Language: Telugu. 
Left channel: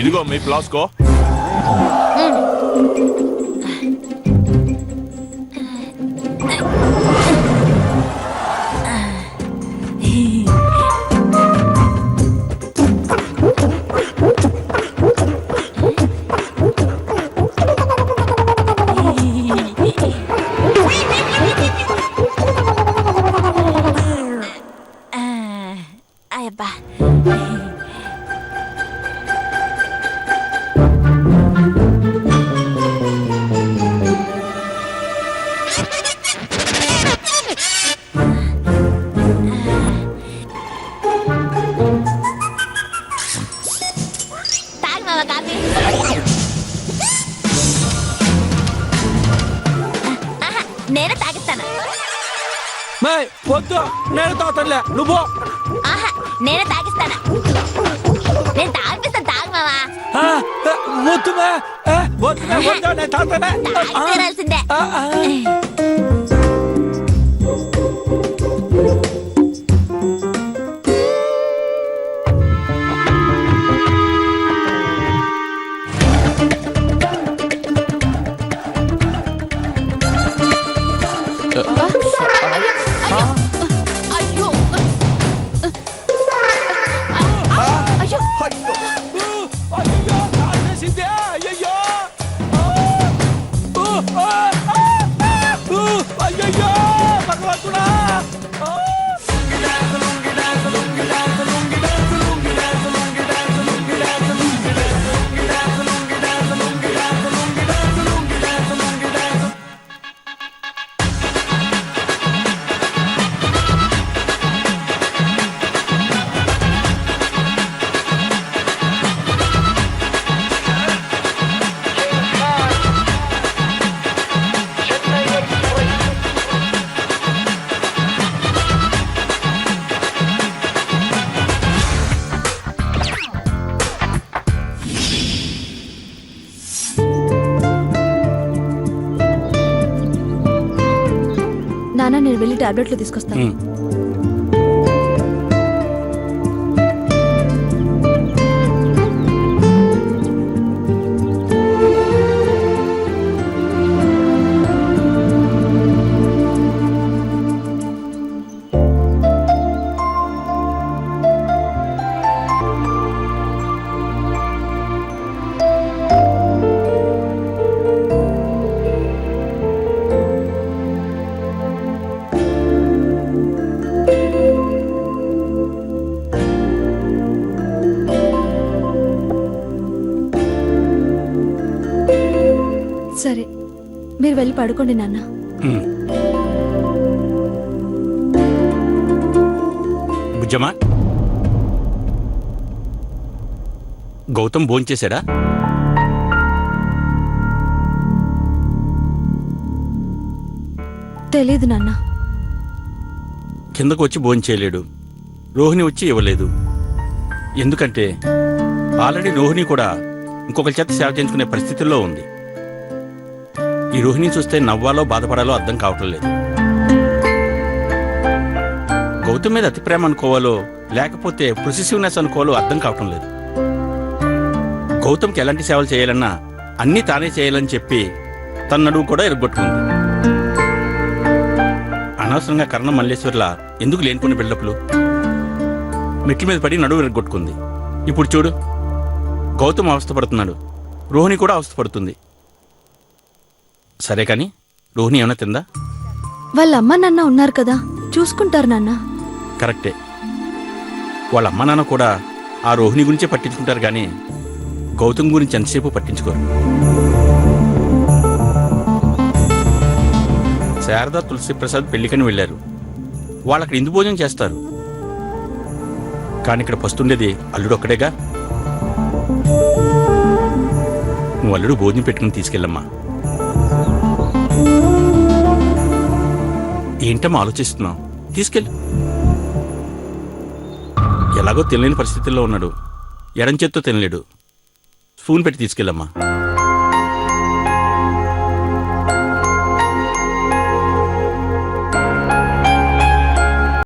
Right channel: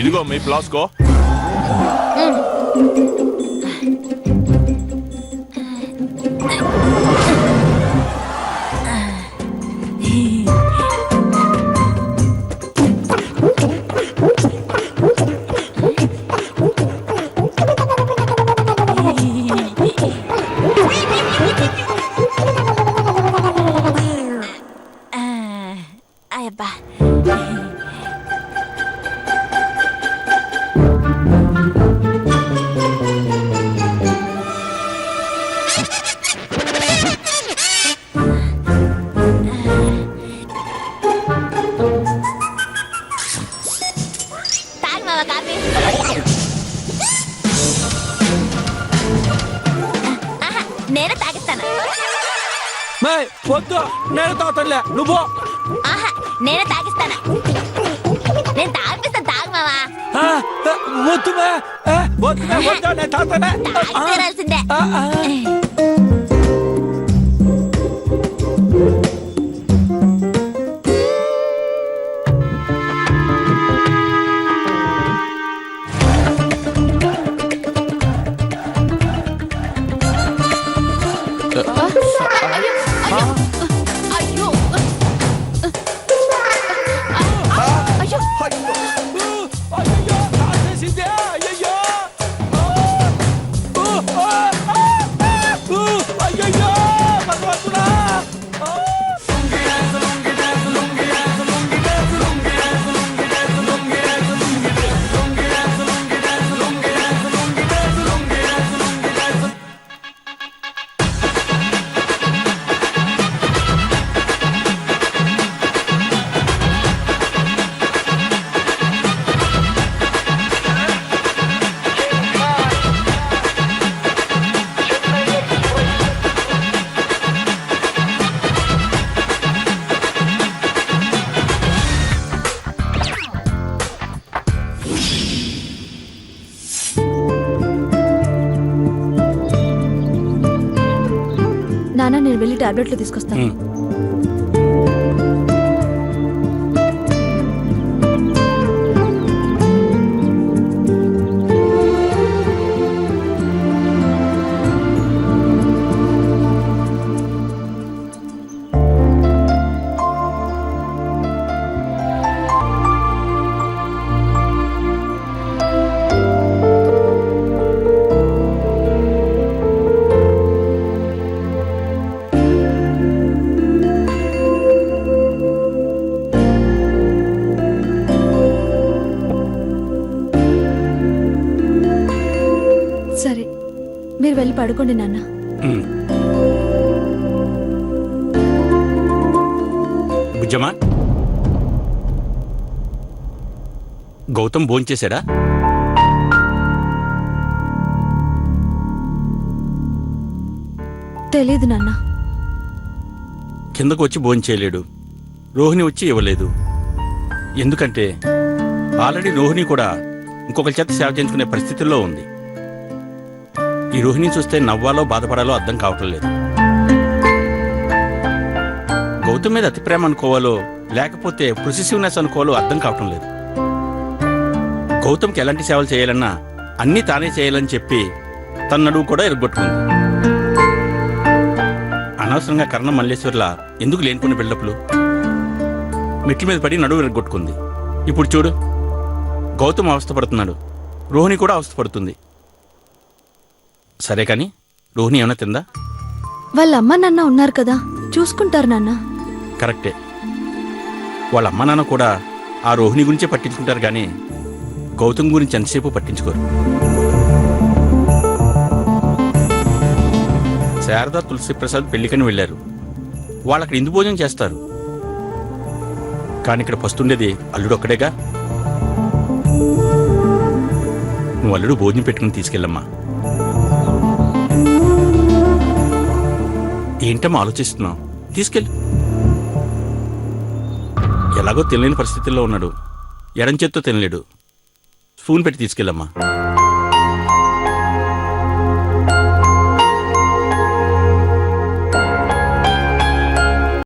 ఇదిగో మీ ప్లాస్కో. అబ్బా తాగు మామ కాఫీ. నేను తాగిస్తాను. వద్దు, నేను తాగుతానులే, నువ్వు. ఆహా, నేనే తాగిస్తాను. నేను తాగిస్తాను, తాగు మావా. వద్దు, వద్దు, నేను తాగుతానే. తీరాల్సిందే. అయ్యో అయ్యో అయ్యో, కాసేసిందే, అయ్యయ్యో. అయ్యయ్యో, భగవంతుడా. నాన్న, నేను వెళ్ళి టాబ్లెట్లు తీసుకొస్తాను. సరే, మీరు వెళ్ళి పడుకోండి నాన్న. బుజ్జమ్మా, గౌతమ్ భోంచేశాడా? తెలీదు నాన్న. కిందకు వచ్చి భోంచేయలేడు, రోహిణి వచ్చి ఇవ్వలేదు. ఎందుకంటే ఆల్రెడీ రోహిణి కూడా ఇంకొకరి చేత సేవ చేయించుకునే పరిస్థితుల్లో ఉంది. ఈ రోహిణిని చూస్తే నవ్వాలో బాధపడాలో అర్థం కావటం లేదు. గౌతమ్ మీద అతి ప్రేమ అనుకోవాలో లేకపోతే పొసెసివ్నెస్ అనుకోవాలో అర్థం కావటం లేదు. గౌతమ్కి ఎలాంటి సేవలు చేయాలన్నా అన్నీ తానే చేయాలని చెప్పి తన నడుము కూడా ఎరగొట్టుకుంది. అనవసరంగా కర్ణ మల్లేశ్వర్లా ఎందుకు లేనిపోయిన బిల్డప్లు? మెట్ల మీద పడి నడువు ఎరగొట్టుకుంది. ఇప్పుడు చూడు, గౌతమ్ అవస్థపడుతున్నాడు, రోహిణి కూడా అవస్థపడుతుంది. సరే కానీ రోహిణి ఏమైనా తిందా? వాళ్ళ అమ్మ నాన్న ఉన్నారు కదా, చూసుకుంటారు నాన్న. కరెక్టే, వాళ్ళ అమ్మ నాన్న కూడా ఆ రోహిణి గురించే పట్టించుకుంటారు కానీ గౌతమ్ గురించి ఎంతసేపు పట్టించుకోరు. శారదా తులసిప్రసాద్ పెళ్లికని వెళ్ళారు. వాళ్ళక్కడ ఇందు భోజనం చేస్తారు. కానీ ఇక్కడ పస్తుండేది అల్లుడు ఒక్కడేగా. నువ్వు అల్లుడు భోజనం పెట్టుకుని తీసుకెళ్ళమ్మా. ఏంటమ్మా ఆలోచిస్తున్నావు? తీసుకెళ్ళు. ఎలాగో తినలేని పరిస్థితుల్లో ఉన్నాడు, ఎడం చేత్తో తినలేడు. స్పూన్ పెట్టి తీసుకెళ్ళమ్మా.